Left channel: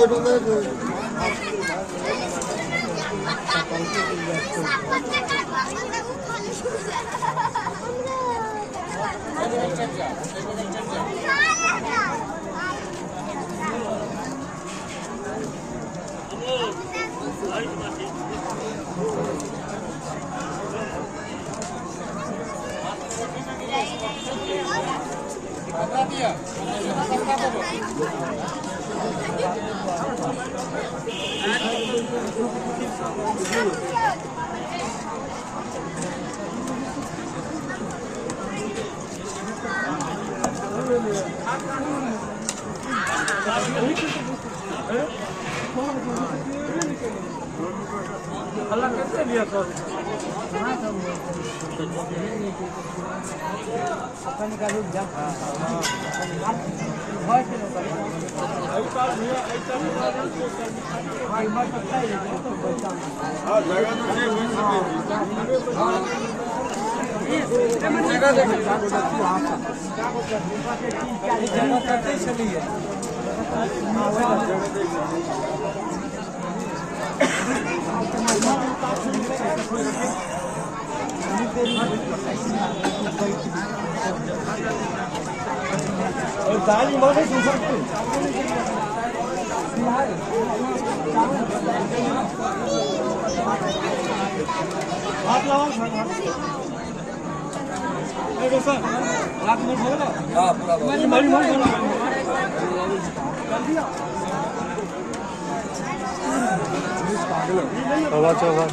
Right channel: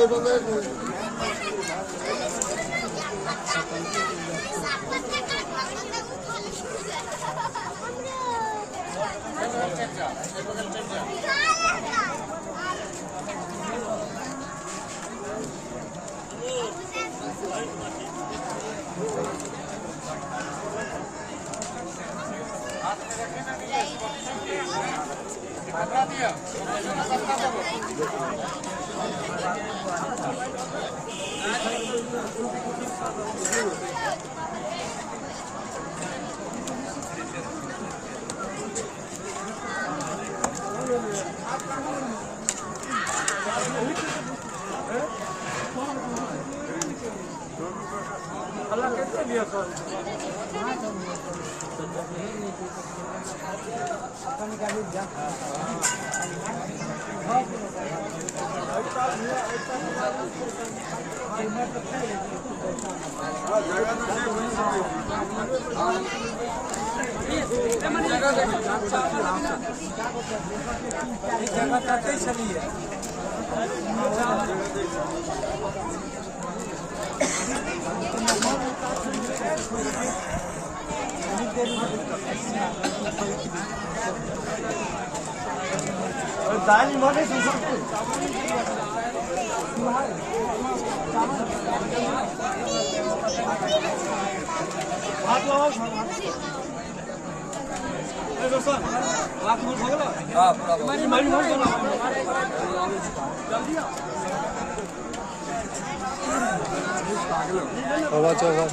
कैसे लिया सर दाल मौके सुन सकते हाथ लगाओ हाथ में उठाओ हाँ पूरा हवा चौवा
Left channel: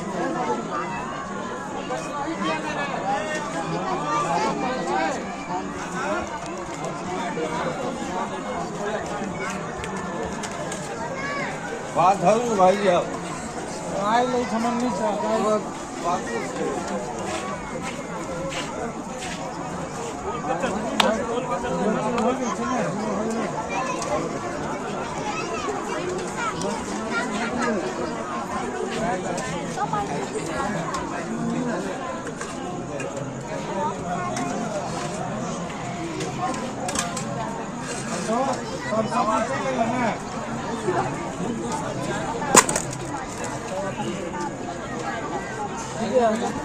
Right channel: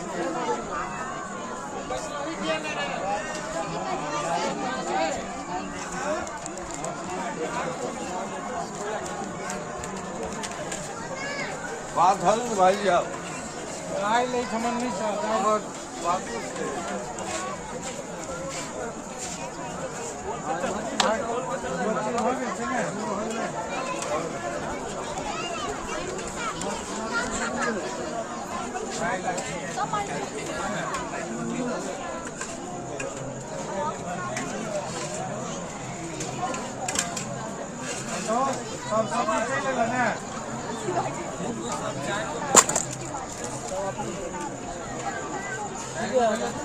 बात है भाई अब आए ले समझ नहीं चाहता बात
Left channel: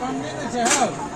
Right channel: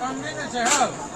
काम नहीं ना चाहिए